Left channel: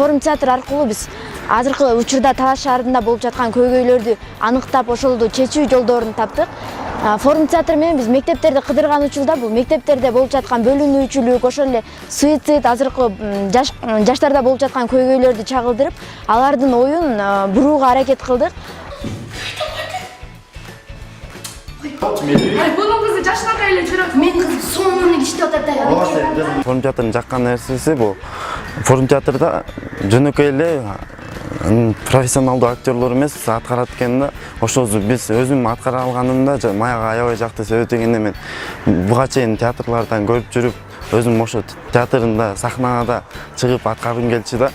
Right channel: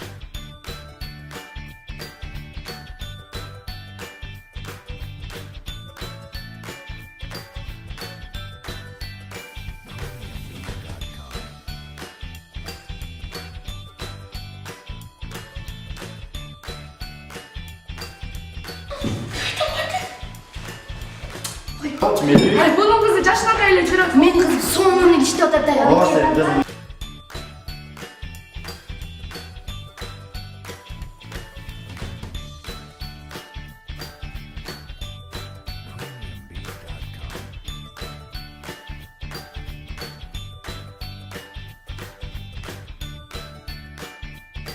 форум театр аркылуу биз азыркы учурда Талаш шаарында болуп жаткан көйгөйлөрдү аныктап, ошолду чечүү жолдорун таптык. Форум театр менен биз мектептерди кыдырган учурда бул мектептерде болуп жаткан бөлүнүүчүлүк, ошол эле суицид, азыркы жаштарда болуп жаткан көйгөйлөрдү чагылдырып, алардын оюн бурууга аракет кылдык. Ай, bunun kızı yaşına elе жүрөт. Мен кыз сонун иштеп атат да. Форум театрдын жаккан нерсеси бул форум театрда жөнөкөй эле профессионалдуу актерлор эмес аткарат экен да. Ошол биз өзүм аткара алганымда мага аябай жакты себеп дегенде мен буга чейин театрлардан көрүп жүрүп өзүм ошо театрында сахнада чыгып аткаргым келчү да.